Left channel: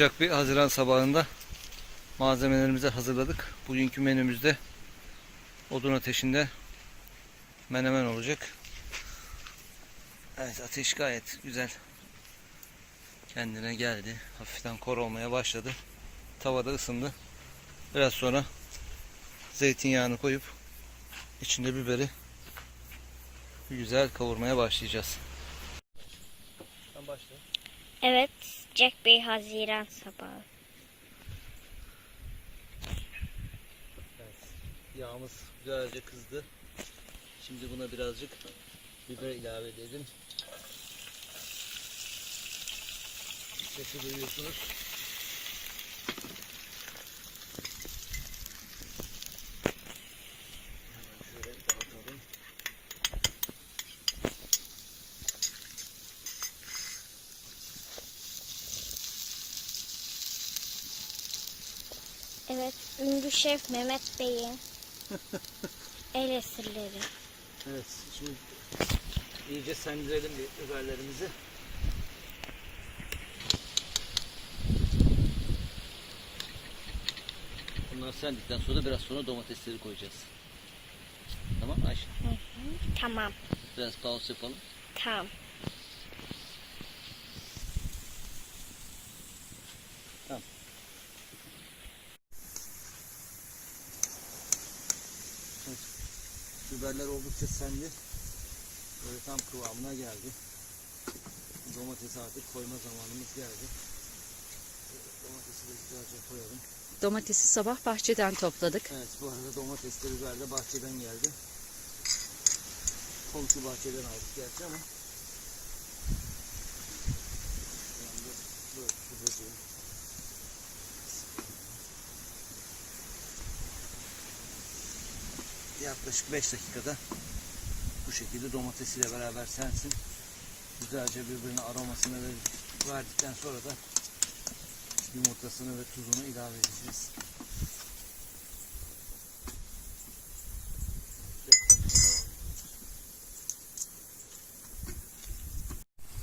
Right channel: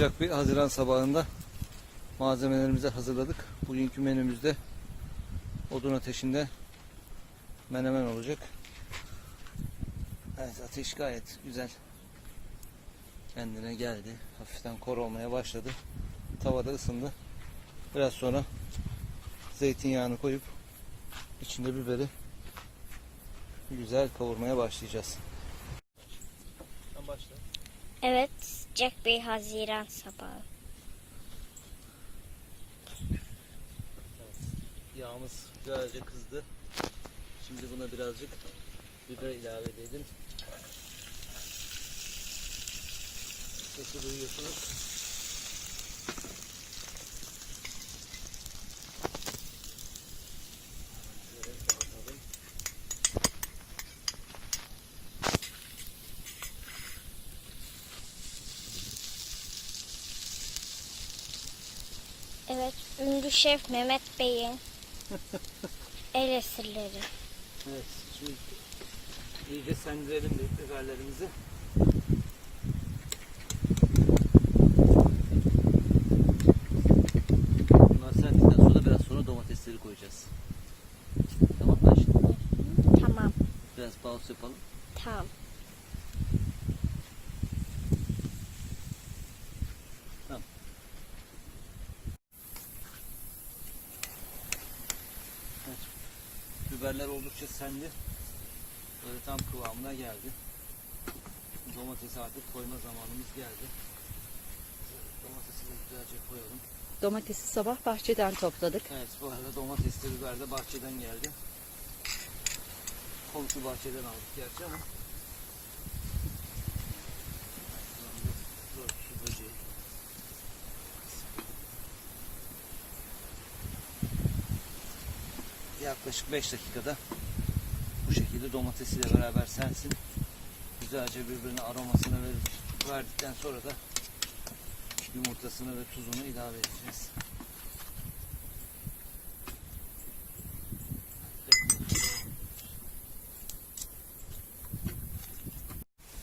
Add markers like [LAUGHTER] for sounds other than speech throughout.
Sıcak bir Haziran sabahında malzemelerimizi hazırladık. Bugünkü menümüzde odun ateşinde menemen olacak. Evet ateş gayet güzel. Kendine geldi. Hafiften kor olmaya başladı. Tavada ısındı. Biraz sonra zeytinyağını koyup içinde biberi güzel kavurmaya başlayacağız. Sen başla. Evet, Jack Bey Haziran sabahı. Yağımız güzelce kızdı. Şimdi buna birazcık biber ilave edelim. Sesi duyuyorsunuz. Evet, ünlü şef Mehmet Bey'in [LAUGHS] el esirleri. Evet, şimdi iyice sendirelim biberlerimizi. Bunlar sendikten sonra biraz sonra domatesleri koyacağız. Tamam mı Ayşe? Tamam, Biraz pause yapalım. tamam. Biberler oldukça sendi. Böyle tam kıvamına geldi. Domatesi artık koyma zamanımız geldi. Domatesi de güzelce koyalım. Domatesi sabah bahçeden topladık. Evet bu arada domates de biber de bahçeden geldi. Komşu bahçeden aldık gerçi ama. Şuradan da böyle su böceği. Yaklaşık 5 dakikada bu şekilde domatesiyle beraber sensin. Güzelce birbirine aromasını ver- verdikten sonra da yumurtasını ve tuzunu ilave edeceğiz.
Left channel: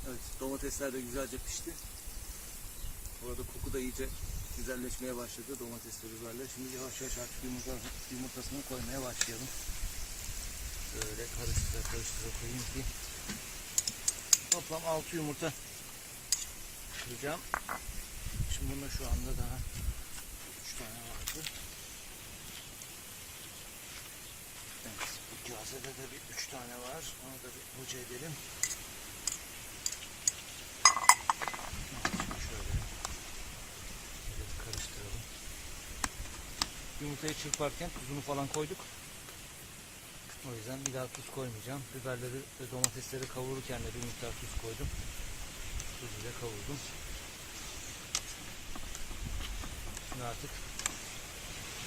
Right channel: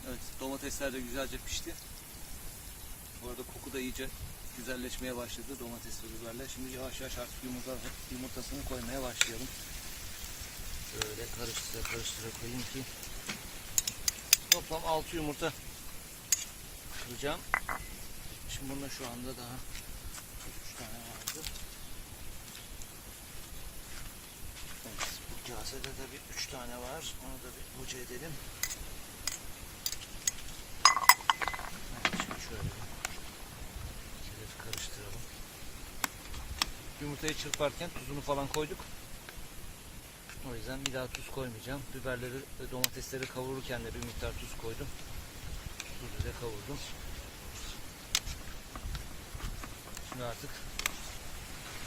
Evet, domatesler de güzelce pişti. Bu arada koku da iyice güzelleşmeye başladı domates biberler. Şimdi yavaş yavaş artık yumurta, yumurtasını koymaya başlıyorum. Böyle karıştıra karıştıra koyayım ki toplam 6 yumurta kıracağım. Şimdi bunda şu anda daha 3 tane vardı. Evet, bu kasede de bir 3 tane var. Onu da bir hoca edelim. Evet, şimdi şöyle. Şöyle bir karıştıralım. Yumurtayı çırparken tuzunu falan koyduk. O yüzden bir daha tuz koymayacağım. Biberleri ve domatesleri kavururken de bir miktar tuz koydum. Tuzuyla kavurdum. Şimdi artık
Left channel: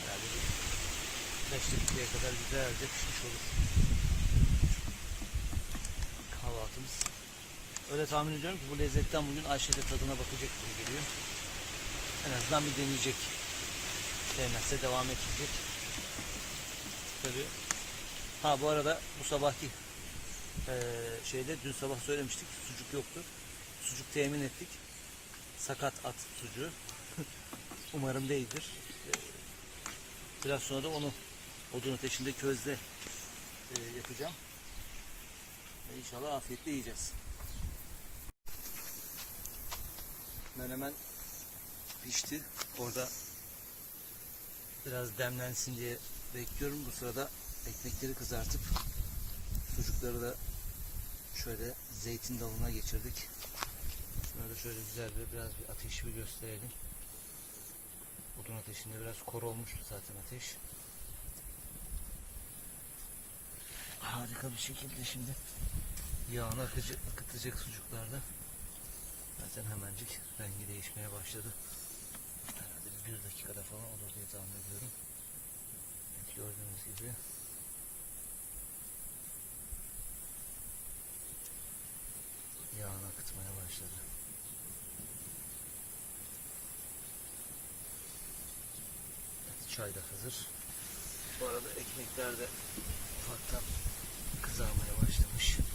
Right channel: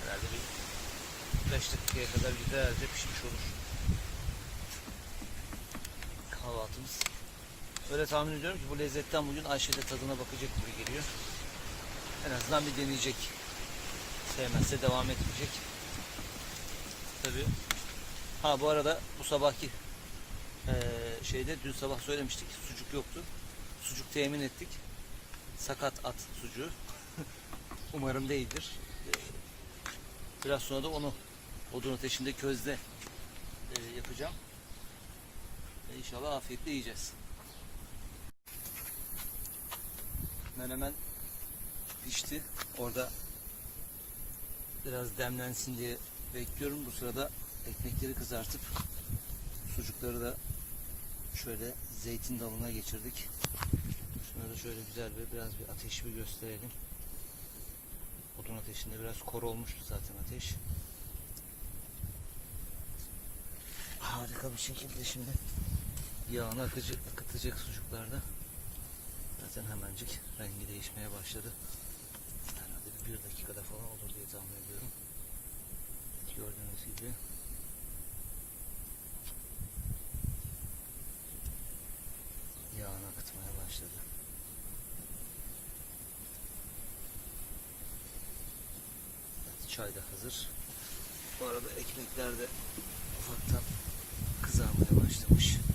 herhalde bir 5 dakikaya kadar güzelce pişmiş olur. Kahvaltımız. Öyle tahmin ediyorum ki bu lezzetten bugün Ayşe de tadına bakacak gibi geliyor. En azından bir deneyecek. Sevmezse devam etmeyecek. Tabii. Ha bu arada bu sabahki eee, şeyde dün sabah söylemiştik. Sucuk yoktu. Sucuk temin ettik. Sakat at sucuğu. [LAUGHS] Umarım değildir. Biraz sonra da onu odun ateşinde közde e, yapacağım. Ve inşallah afiyetle yiyeceğiz. Menemen pişti. Orada biraz demlensin diye bekliyorum. Bu sırada ekmekleri kızartıp sucukları da şöyle zeytin dalına geçirdik. Şöyle şöyle güzel bir biraz bir ateşi bir gösterelim. Odun ateşinde biraz kor olmuştu zaten ateş. Harika bir şekilde şimdi yağını akıcı, akıtacak sucuklarda. Zaten hemencik rengi değişmeye başladı. Herhalde bir dakikada falan olur diye tahmin ediyorum. Gördüğünüz gibi. Yağını akıtmaya başladı. Evet, çay da hazır. Bu arada ekmekler de ufaktan kızarmaya başlamış.